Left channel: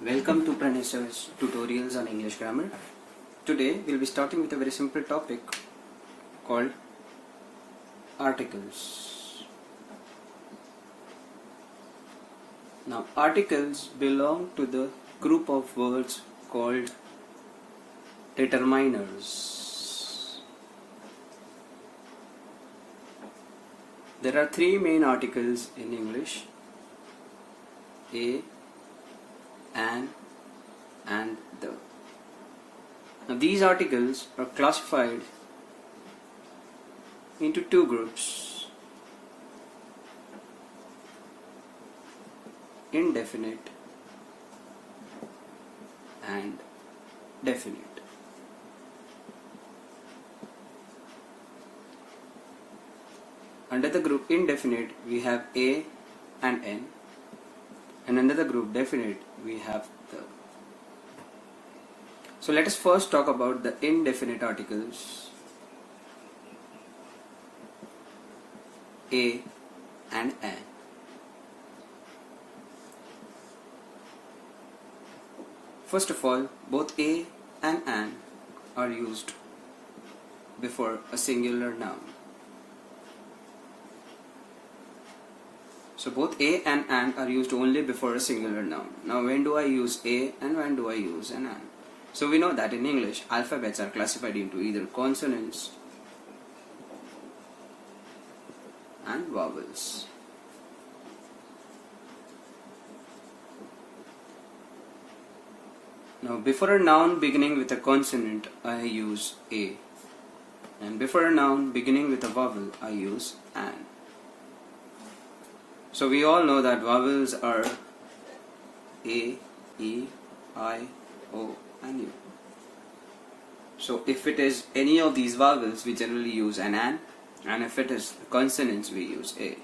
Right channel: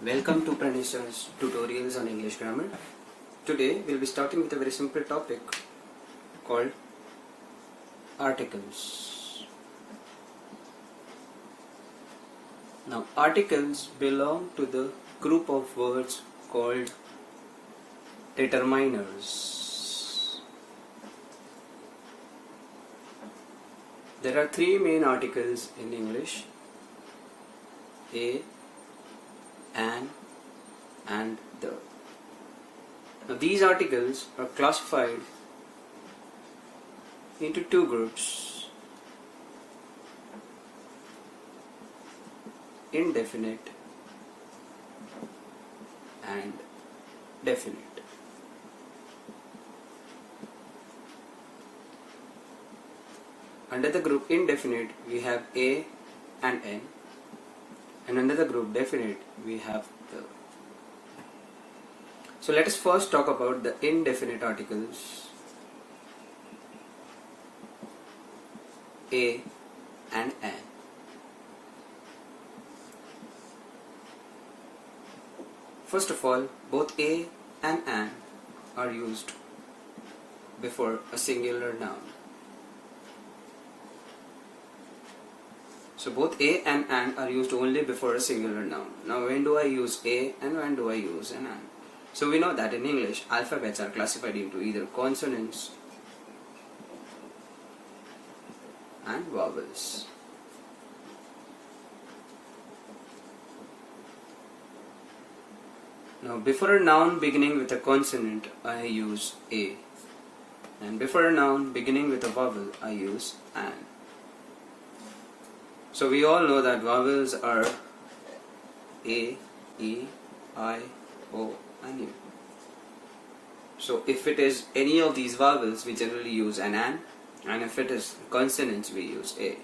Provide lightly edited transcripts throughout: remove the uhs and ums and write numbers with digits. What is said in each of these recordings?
Welcome to Pranesha's tutorials on English grammar. Today we'll be starting with a very simple topic called articles. Now articles belong to the group of words called determiners. There are three main articles in English: a, an, and the. Now these articles are classified into two groups: indefinite and definite. Under the group indefinite we have a and n, and under the group definite we have the. So let us first talk about the indefinite articles a and an. First of all, both a and an are used before a singular noun. So both a and an are used only before a singular noun. Now when do I use a and when do I use an? So we know that in English alphabets are classified into either consonants and vowels. Now before a noun beginning with a consonant I use a, and before a noun beginning with a vowel I use an. So we all know that vowels are a, e, I, o and u. So if it is any of these vowels we generally use an, and if it is consonants we use a.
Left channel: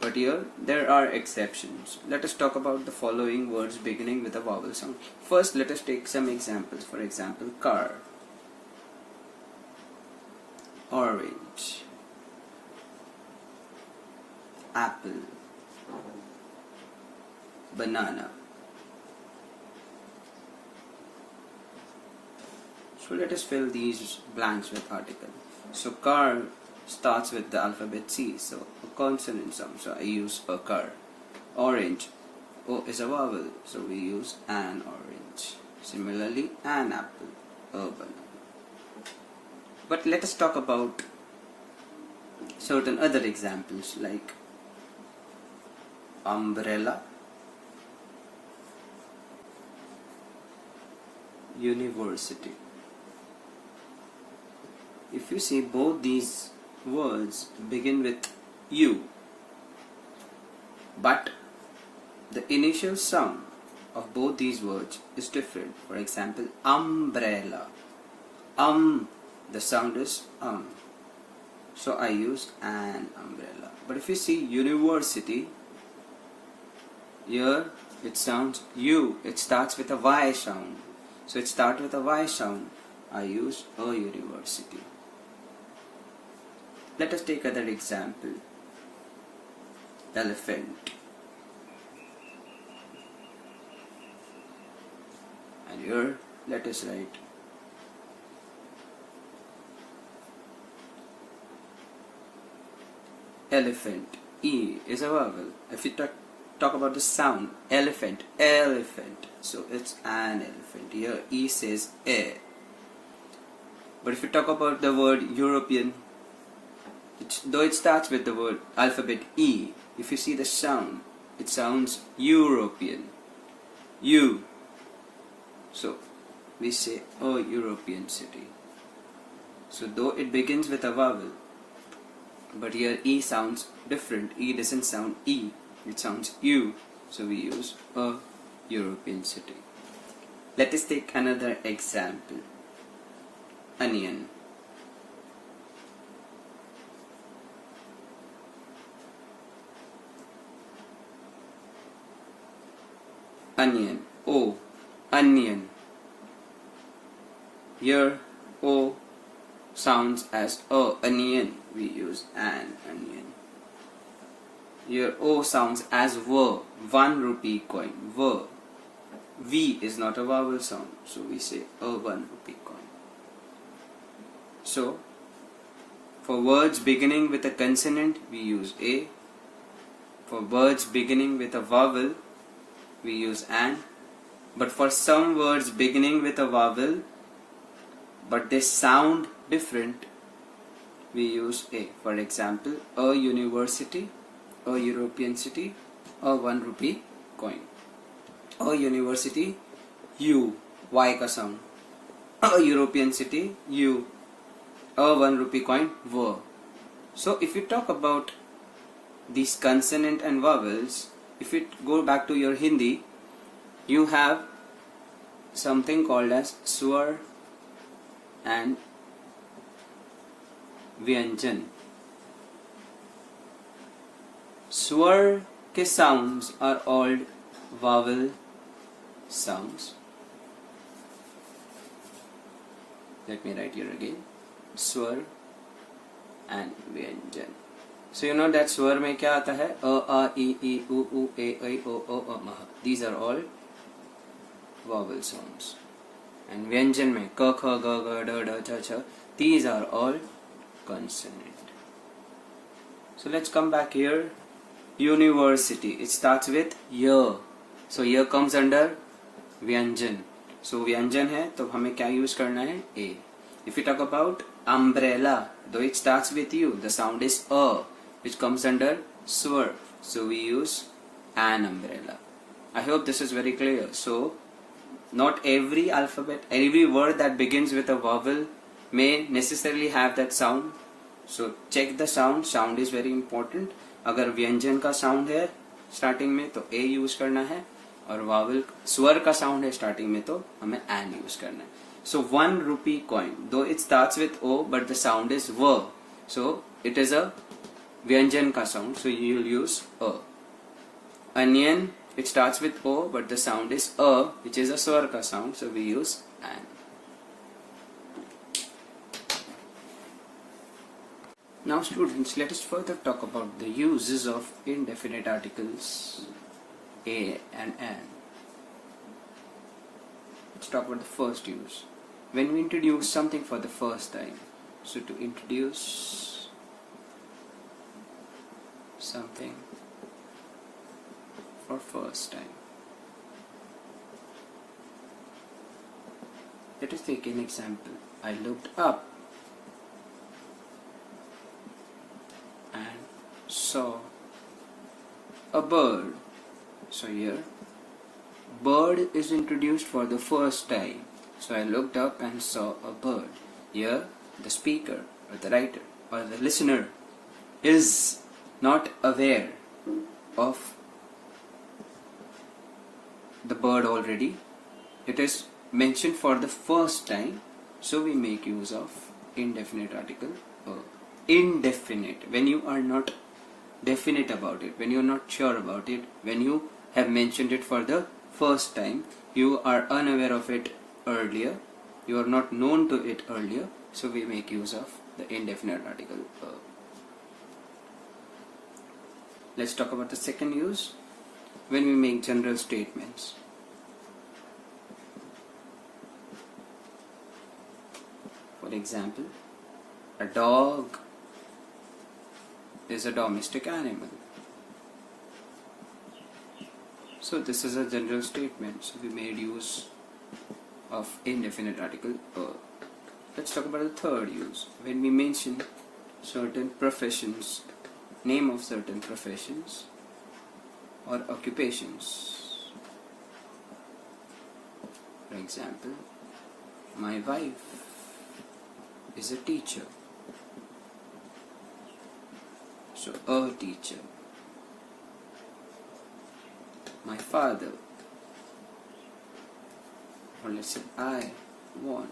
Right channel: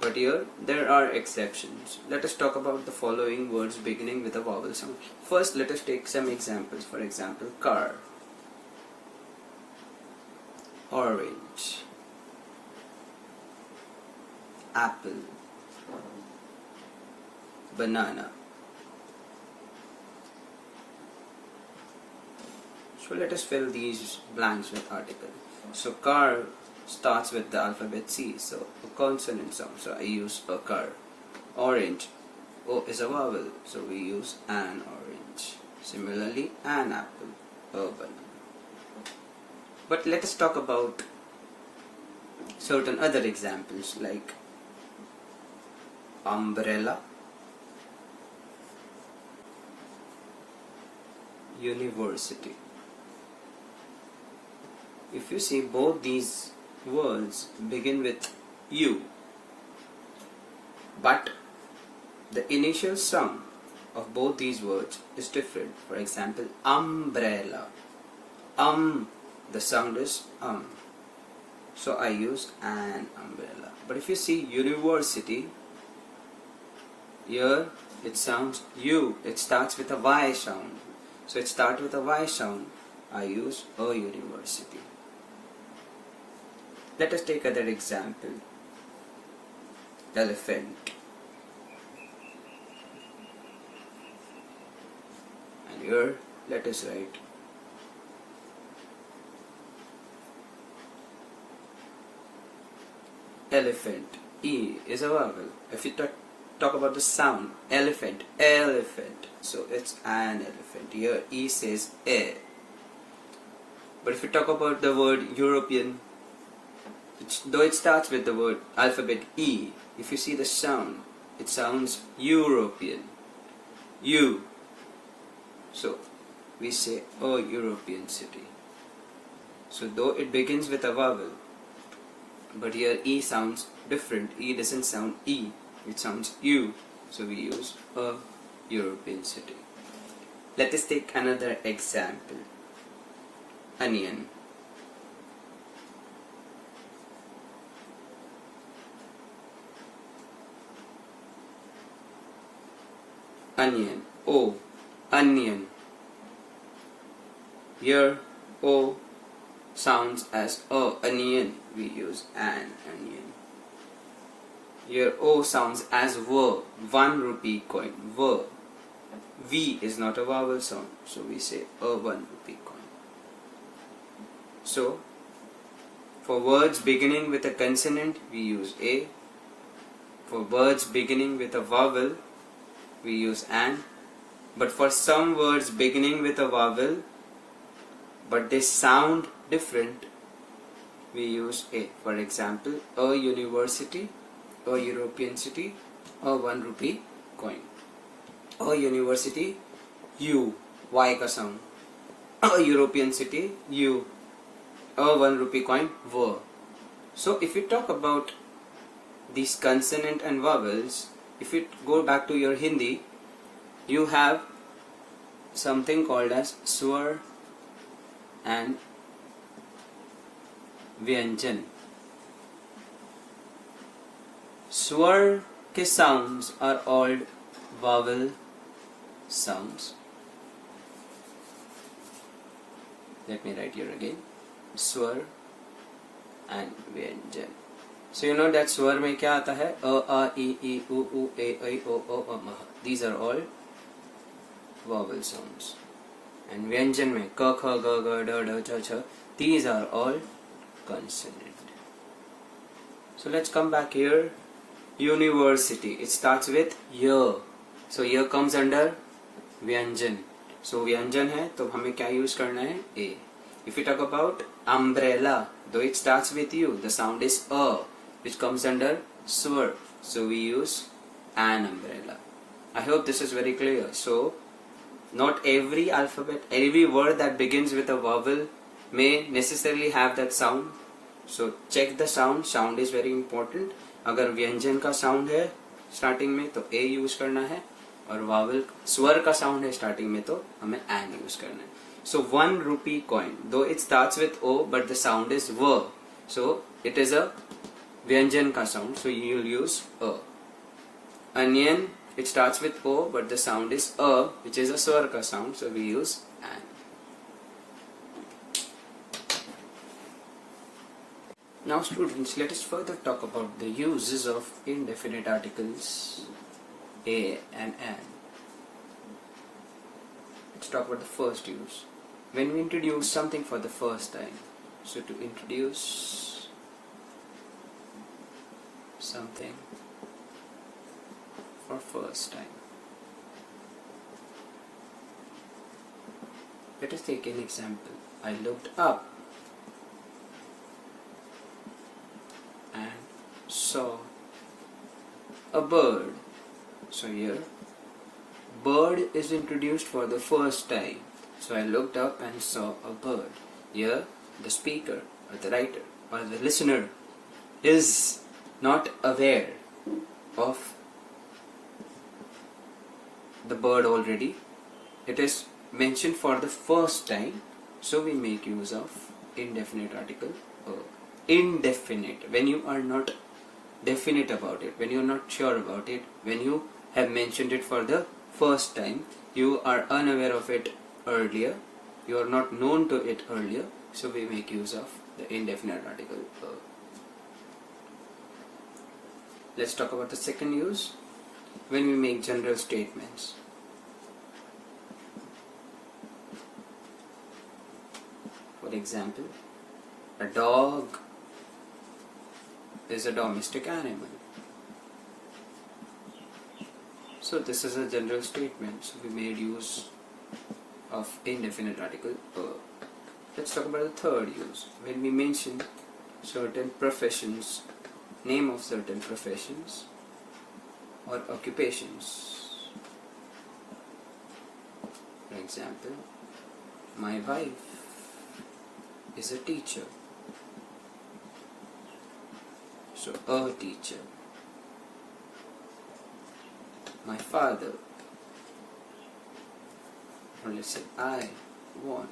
But here there are exceptions. Let us talk about the following words beginning with a vowel sound. First let us take some examples. For example, car, orange, apple, banana. So let us fill these blanks with article. So car starts with the alphabet C, so a consonant sound, so I use a car. Orange, O is a vowel, so we use an orange. Similarly, an apple, a banana. But let us talk about certain other examples like umbrella, university. If you see, both these words begin with U, but the initial sound of both these words is different. For example, umbrella, the sound is so I use an umbrella. But if you see university, here it sounds U, it starts with a Y sound, so it starts with a Y sound, I use a university. Let us take another example. Elephant. And here let us write elephant. E is a vowel. If you talk about the sound, elephant, elephant, so it's an elephant. Here E says a. But if you talk about the word European, though it starts with the word alphabet E, if you see the sound, it sounds European, U. So we say a European city. So though it begins with a vowel, but here E sounds different. E doesn't sound E, it sounds U. So we use a European city. Let us take another example. Onion. Onion, O, onion. Here O sounds as a onion, we use an onion. Here O sounds as 1 rupee coin, V is not a vowel sound, so we say a 1 rupee coin. So, for words beginning with a consonant, we use a. For words beginning with a vowel, we use an. But for some words beginning with a vowel, but they sound different, we use a. For example, a university, a European city, a 1 rupee coin. A university, U, Y का sound. A European city, U. A 1 rupee coin, V. So if you talk about these consonant and vowels, if you go back to your Hindi, you have something called as swar and vyanjan. Swar के sounds are all vowel sounds. Let me write here again. Swar and vyanjan. So you know that swar में क्या आता है? A, A, I, I, U, U, A, I, O, O, A, Mah. These are all vowel sounds. And vyanjan में K, K, G, G, D, D, Ch, Ch. These are all consonant. So let's come back here. University. It starts with Y. So Y comes under vyanjan. So vyanjan है तो हमें क्या use करना है? A. If we talk about umbrella, though it starts with U, the sound is A, which comes under swar. So we use an umbrella. I hope this is very clear. So not every alphabet, every word that begins with a vowel may necessarily have that sound. So check the sound. Sound is very important. अगर व्यंजन का sound है starting में तो ए use करना है, और vowel स्वर का साउंड है स्टार्टिंग में तो हमें एन यूज करना है. सो 1 rupee coin, though it starts with O, but the sound is V. So it is a व्यंजन का sound, so you will use A. Onion, it starts with O, but the sound is A, which is a स्वर का sound, so we use an. Now students, let us further talk about the uses of indefinite articles a and an. Let's talk about the first use. When we introduce something for the first time. So to introduce something for first time. Let us take an example. I looked up and saw a bird. So here, bird is introduced for the first time. So I looked up and saw a bird. Here, the speaker or the writer or the listener is not aware of the bird already. It is mentioned for the first time. So we make use of indefinite article a. Indefinite, when you are not definite about it, when you are not sure about it, when you have mentioned it for the first time, you are unaware of it earlier, you are not known to it earlier, so we make use of the indefinite article a. Let's talk about the second use, when we make general statements. For example, a dog is a domestic animal. So this is a general statement. So we made use of indefinite article a. Let's talk about the third use. When we mention certain professions, name of certain professions or occupations. For example, my wife is a teacher. So a teacher. My father, or let's say I want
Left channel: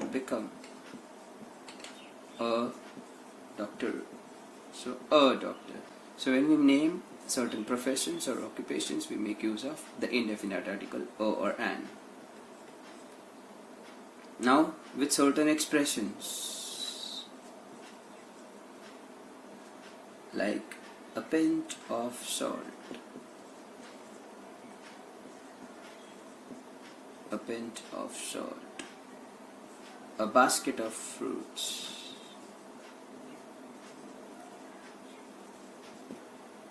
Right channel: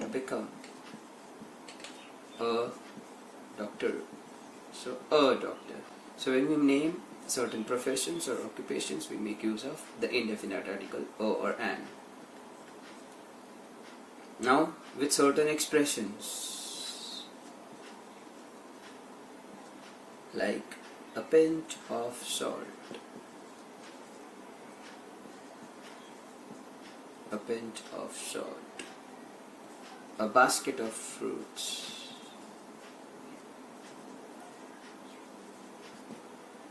to become a doctor. So a doctor. So when we name certain professions or occupations, we make use of the indefinite article a or an. Now with certain expressions like a pinch of salt. pinch of salt, a basket of fruits.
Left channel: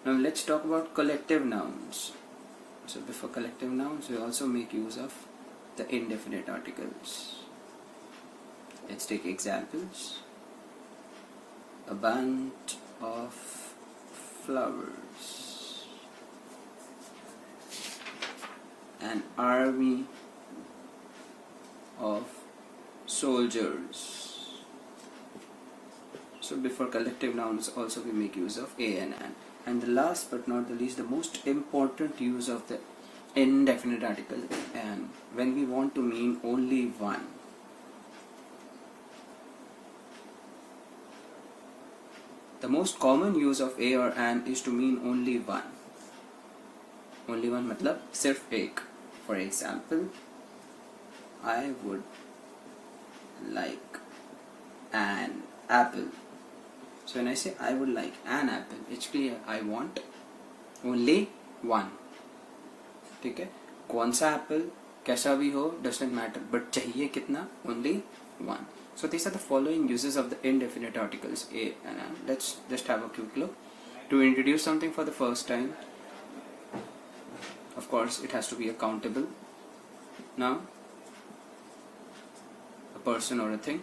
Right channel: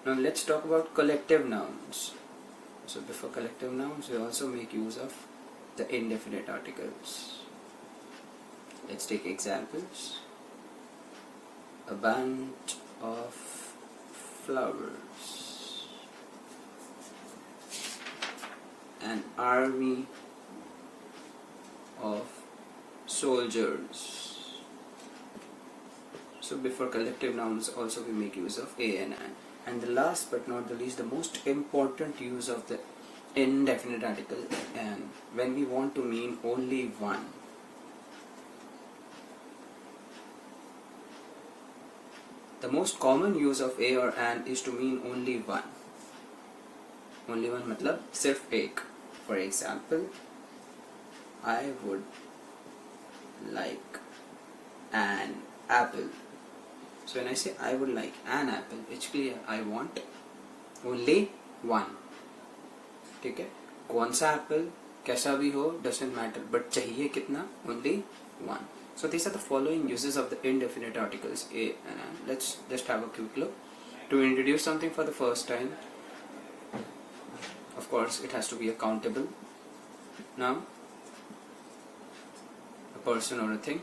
Now let's talk about collective nouns. So before collective nouns, we also make use of the indefinite articles. Let's take examples. A bunch of flowers, an army of soldiers. So before collective nouns also we make use of a and an. And the last but not the least, the most important use of the indefinite article, and when we want to mean only one. The most common use of a or an is to mean only one. Only one matlab sirf ek. For example, I would like an apple. So when I say I would like an apple, it's clear I want only one. ठीक है, कौन सा apple कैसा भी हो doesn't matter, but चाहिए कितना? Only one. So these are the following uses of the indefinite articles a and an. Let's just have a quick look. To introduce something for the first time, of course it has to be a countable noun, a person or a thing.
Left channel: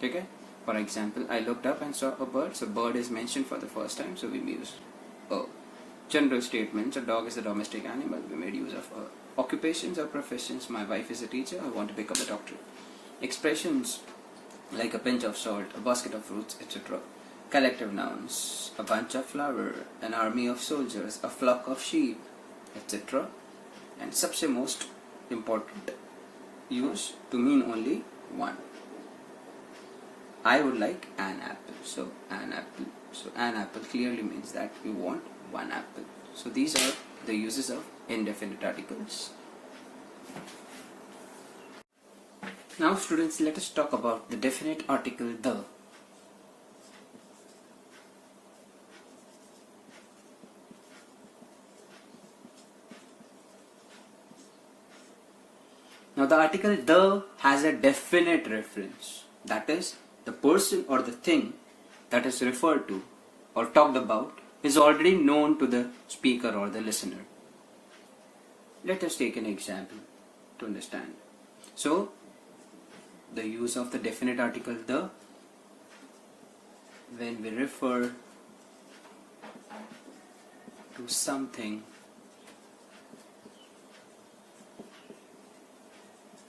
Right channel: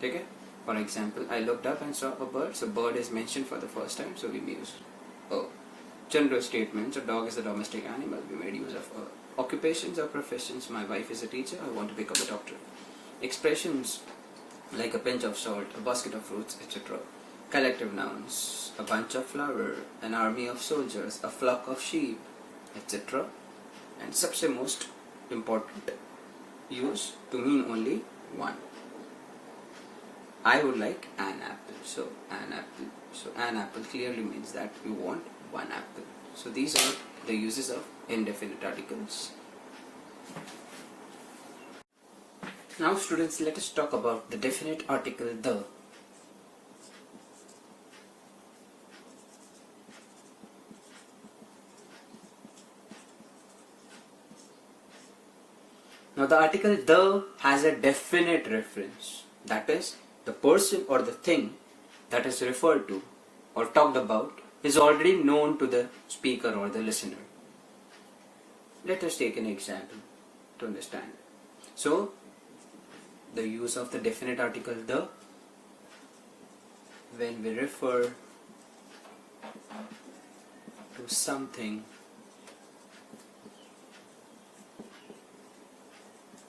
ठीक है. For example, I looked up and saw a bird. So bird is mentioned for the first time, so we use a. General statements: a dog is a domestic animal. We made use of a. Occupations or professions: my wife is a teacher. I want to become a doctor. Expressions like a pinch of salt, a basket of fruits, etc. Collective nouns: a bunch of flowers, an army of soldiers, a flock of sheep, etc. And सबसे most important use to mean only one. I would like an apple. So an apple. So an apple clearly means that you want one apple. So these are the uses of indefinite articles. Now students, let us talk about the definite article the. Now the article the has a definite reference. That is, the person or the thing that is referred to or talked about is already known to the speaker or the listener. Let us take an example to understand. So, the use of the definite article the when we refer to something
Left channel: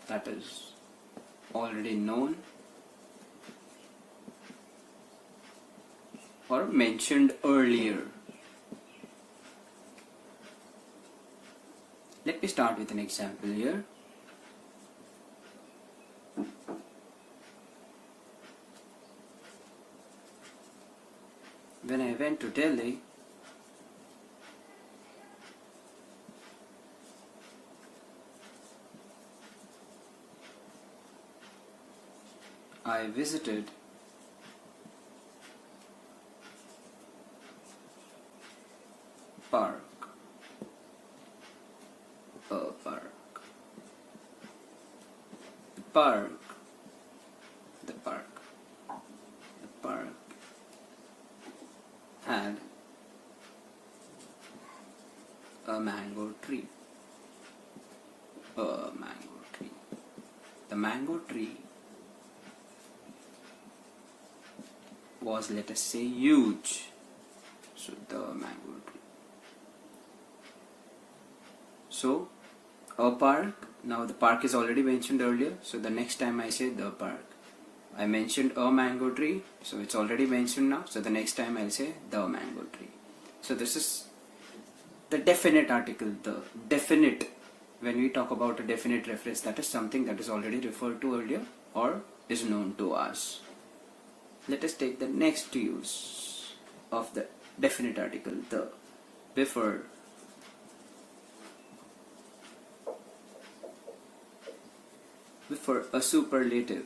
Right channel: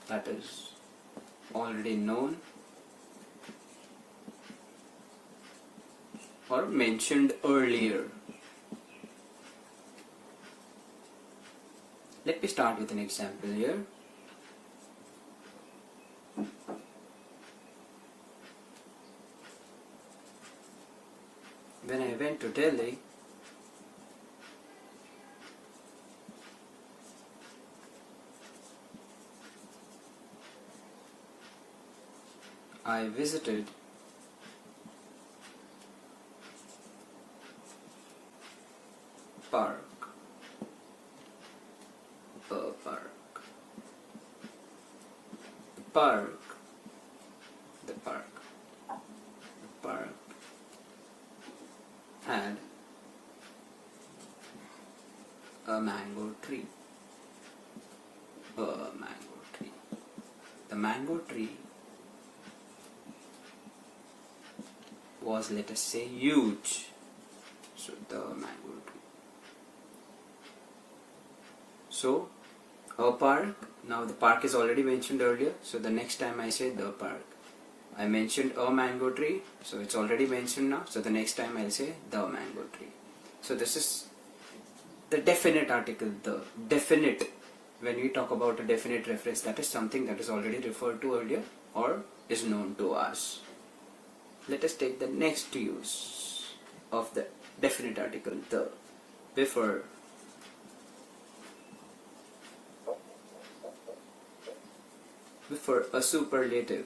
that is already known or mentioned earlier. Let me start with an example here. When I went to Delhi, I visited park. A park. The park. The park. The park had a mango tree. A mango tree. The mango tree was, let us say, huge. So the mango tree. So a park. Now the park is already mentioned earlier. So the next time I say the park, I mentioned a mango tree. So it's already mentioned now. So the next time I'll say the mango tree. So this is the definite article, the definite. When we talk about a definite reference, that is something that is already referred to earlier or is known to us. Let us take the next use of the definite article, the, before a superlative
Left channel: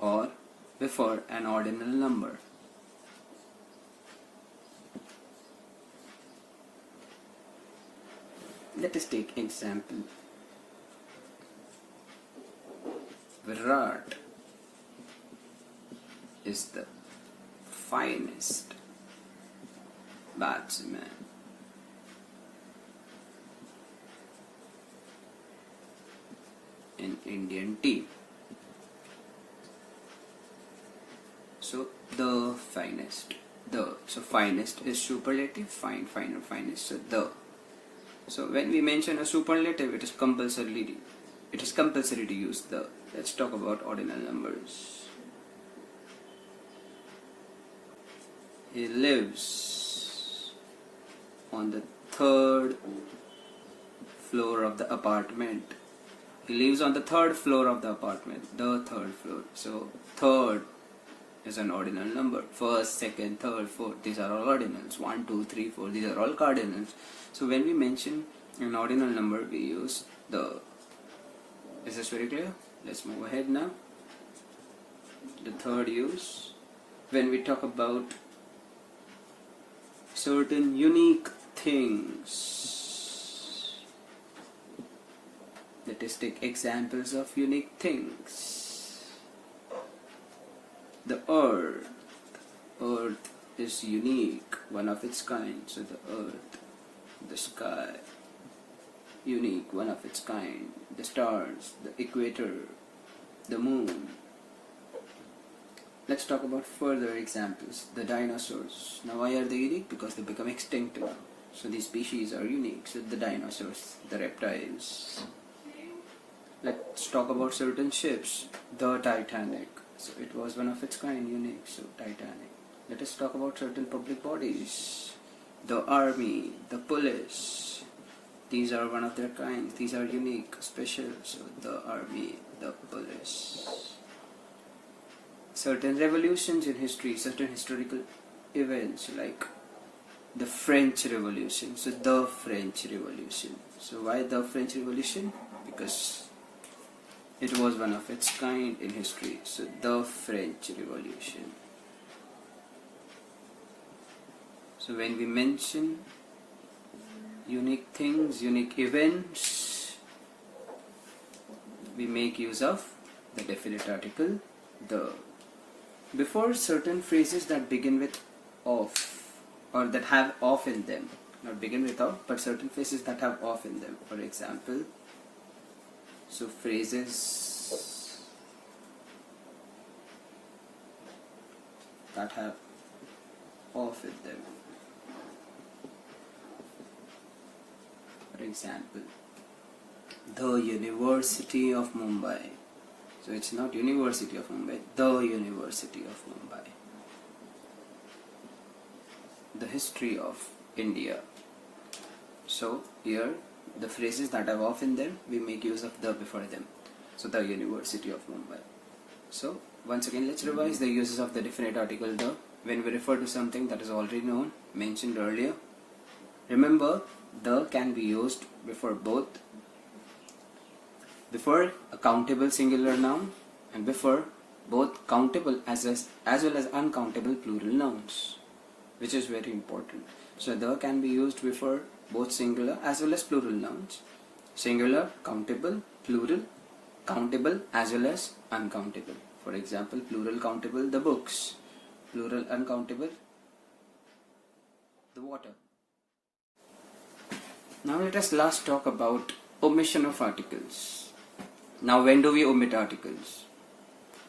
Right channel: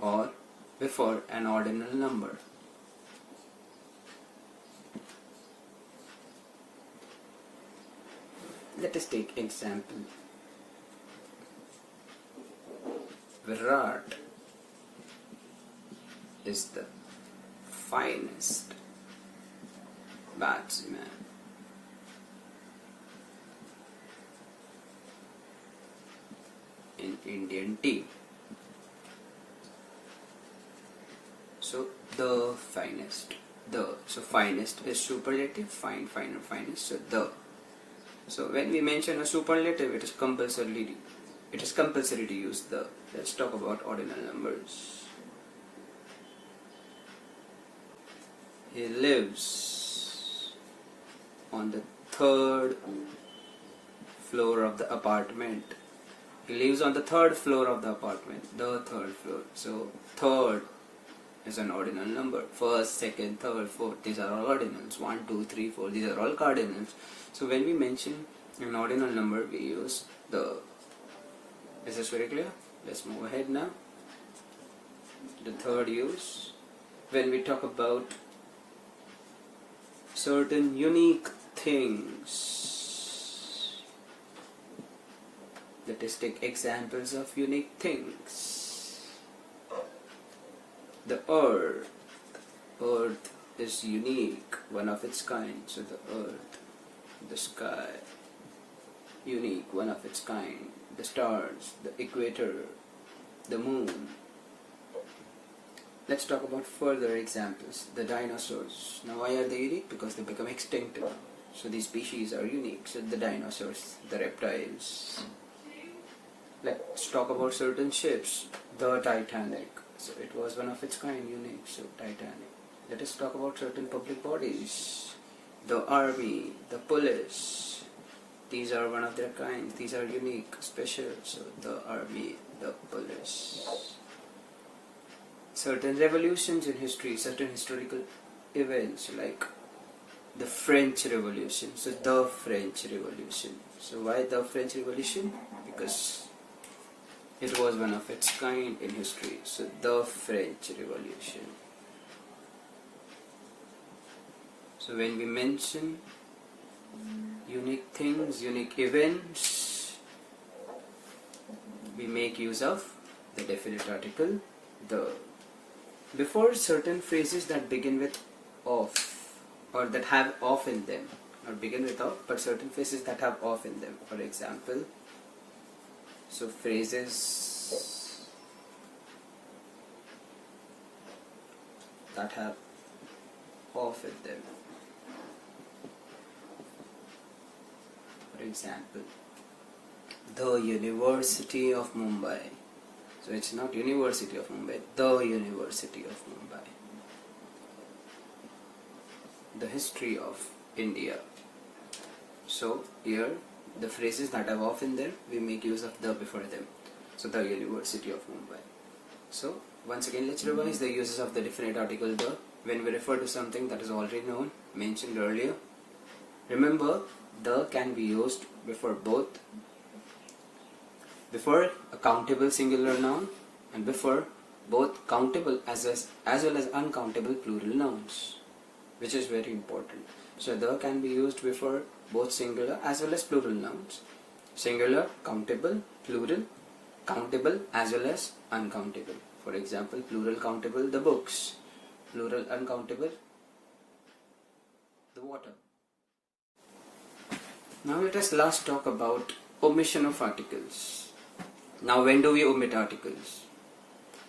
or before an ordinal number. Let us take example. Virat is the finest batsman in Indian team. So the finest, so finest is superlative, fine, finer, finest. So the. So when we mention a superlative, it is compulsory to use the. Let's talk about ordinal numbers. He lives on the third floor of the apartment. He lives on the third floor of the apartment. The third floor. So third is an ordinal number. First, second, third, fourth. These are all ordinals. 1, 2, 3, 4. These are all cardinals. So when we mention an ordinal number, we use the. Is this very clear? Let's move ahead now. The third use. When we talk about certain unique things. Let us take examples of unique things. The earth. Earth is unique, one of its kind. So the earth, the sky, unique, one of its kind. The stars, the equator, the moon. Let's talk about further examples. The dinosaurs. Now why are they unique? Because they become extinct. So these species are unique. So the dinosaurs, the reptiles. Let's talk about certain ships. The Titanic. So it was one of its kind, unique. So Titanic. Let us talk about certain public bodies. The army, the police. These are one of their kind. These are unique, special. So the army, the police. Certain revolutions in history, certain historical events like the French Revolution. So the French Revolution. So why the French Revolution? Because it was one of its kind in history. So the French Revolution. So when we mention unique things, unique events, we make use of the definite article the. Before certain phrases that begin with of or that have of in them, not begin with of, but certain phrases that have of in them. For example, so phrases that have of in them. For example, the University of Mumbai. So it's not University of Mumbai, the University of Mumbai. The history of India. So here the phrases that have of in them, we make use of the before them. So the University of Mumbai. So once again, let's revise the uses of the definite article the when we refer to something that is already known, mentioned earlier. Remember, the can be used before both. Before a countable singular noun and before both countable as well as uncountable plural nouns, which is very important. So the can be used before both singular as well as plural nouns. Singular, countable, plural, countable as well as uncountable. For example, plural countable, the books. Plural uncountable, the water. Now let us last talk about omission of articles. Now when do we omit articles?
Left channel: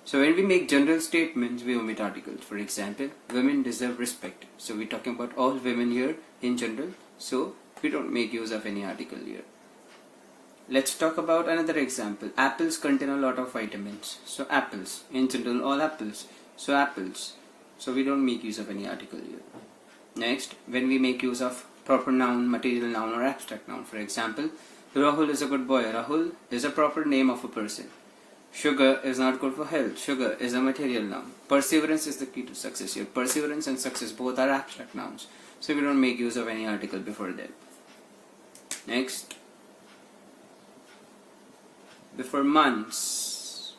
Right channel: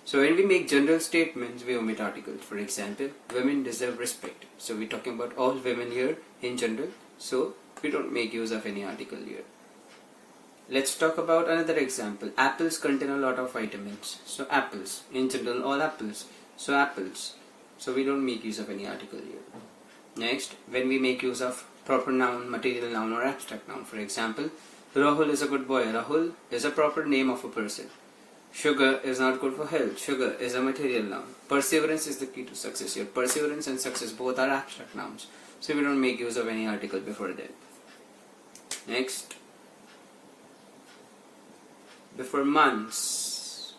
So when we make general statements, we omit articles. For example, women deserve respect. So we're talking about all women here in general. So we don't make use of any article here. Let's talk about another example. Apples contain a lot of vitamins. So apples, in general, all apples. So apples. So we don't make use of any article here. Next, when we make use of proper noun, material noun or abstract noun. For example, Rahul is a good boy. Rahul is a proper name of a person. Sugar is not good for health. Sugar is a material noun. Perseverance is the key to success here. Perseverance and success both are abstract nouns. So we don't make use of any article before them. Next, before months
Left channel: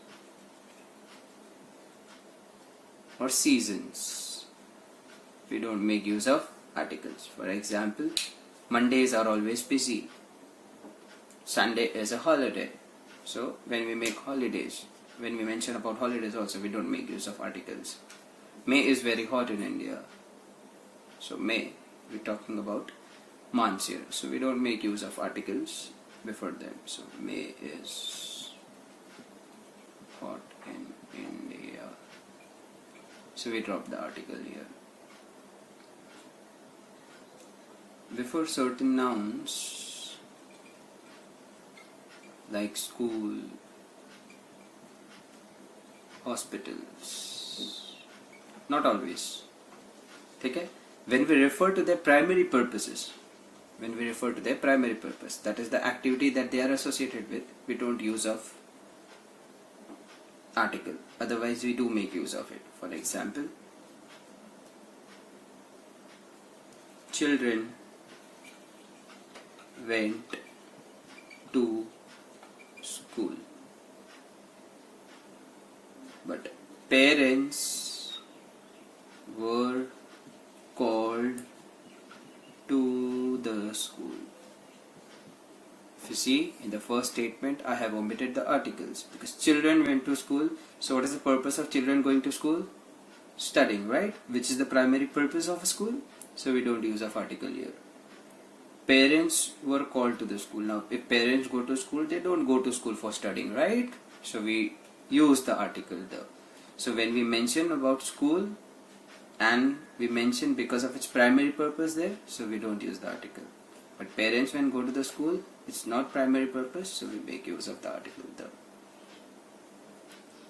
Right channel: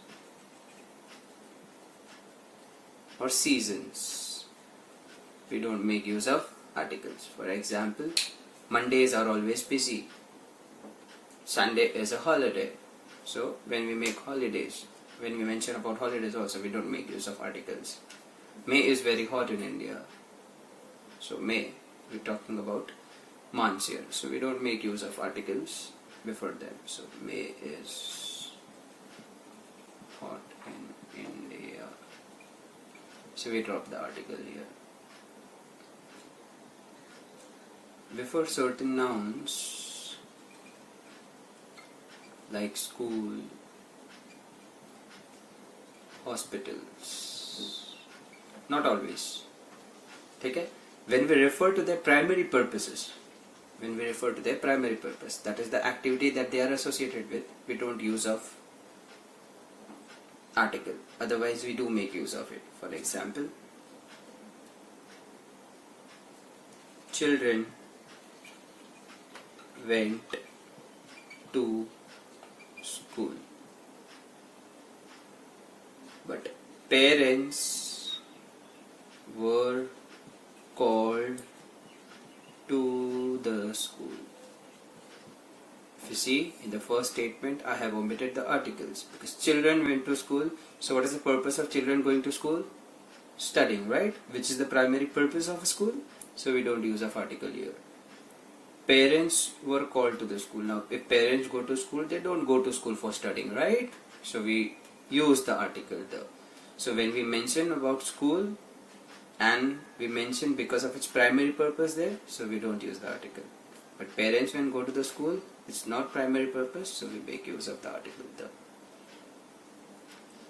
or seasons, we don't make use of articles. For example, Mondays are always busy. Sunday is a holiday. So when we make holidays, when we mention about holidays also, we don't make use of articles. May is very hot in India. So May, we're talking about months here. So we don't make use of articles before them. So May is hot in India. So we drop the article here. Before certain nouns like school, hospitals, not always. Okay? When we refer to their primary purposes, that is the activity that they are associated with, we don't use of article. Otherwise we do make use of it. For example, children went to school, but parents were called to the school. If you see, in the first statement I have omitted the articles because children went to school. So what is the purpose of children going to school? Studying, right? Which is the primary purpose of a school. So we don't use of article here. Parents were called to the school. Now if parents go to school, they don't go to school for studying, right? So we use the article there. So when we mention about school and we mention because of its primary purpose there, so we don't use the article. But parents when go to the school, it's not primary purpose, so we make use of the article there.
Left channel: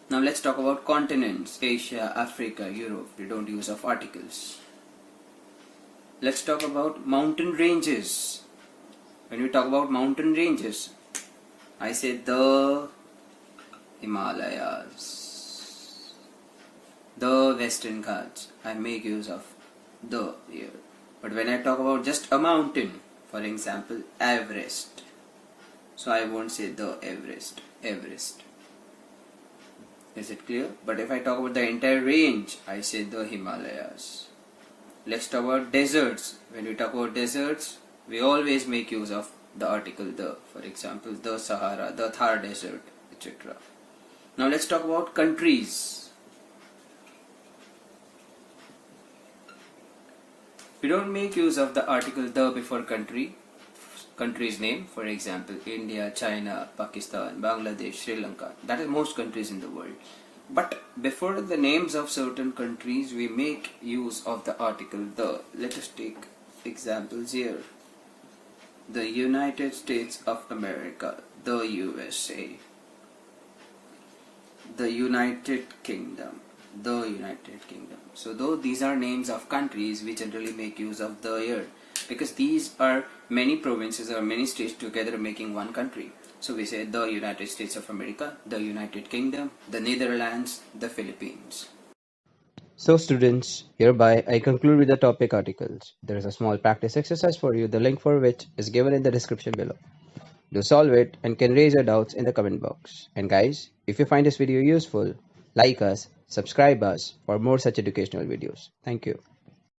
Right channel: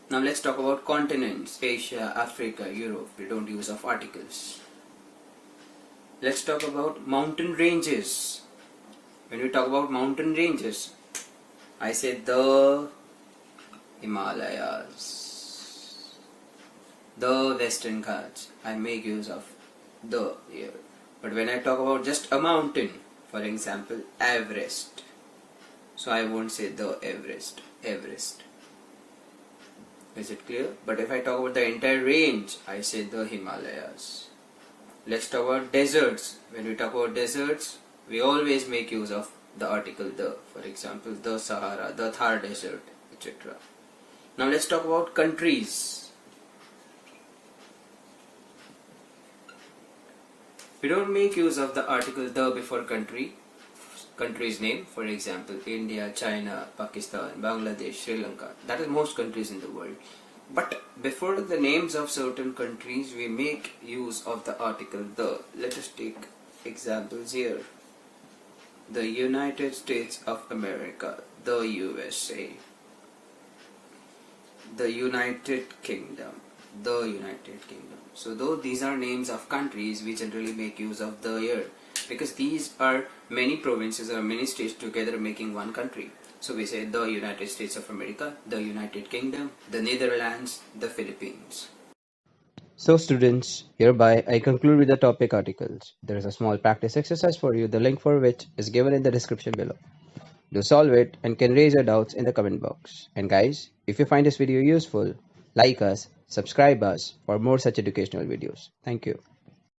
Now let's talk about continents, Asia, Africa, Europe. We don't use of articles. Let's talk about mountain ranges. When we talk about mountain ranges, I say the Himalayas, the Western Ghats. I make use of the here. But when I talk about just a mountain, for example, Everest, so I won't say the Everest. Is it clear? But if I talk about the entire range, I say the Himalayas. Let's talk about deserts. When we talk about deserts, we always make use of the article the. For example, the Sahara, the Thar Desert, etc. Now let's talk about countries. We don't make use of the article the before country's name. For example, India, China, Pakistan, Bangladesh, Sri Lanka. That is most countries in the world. But before the names of certain countries, we make use of the article the. Let us take examples here. The United States of America, the USA. The United Kingdom, the United Kingdom. So though these are names of countries, we generally make use of the here because these are many provinces or many states together making one country. So we say the United States of America, the United Kingdom, the Netherlands, the Philippines. So students, hereby I conclude with the topic articles. There is a small practice exercise for you, the link for which is given in the description below. Do solve it and can raise your doubts in the comment box. And guys, if you find this video useful, like us, subscribe us for more such educational videos. Thank you.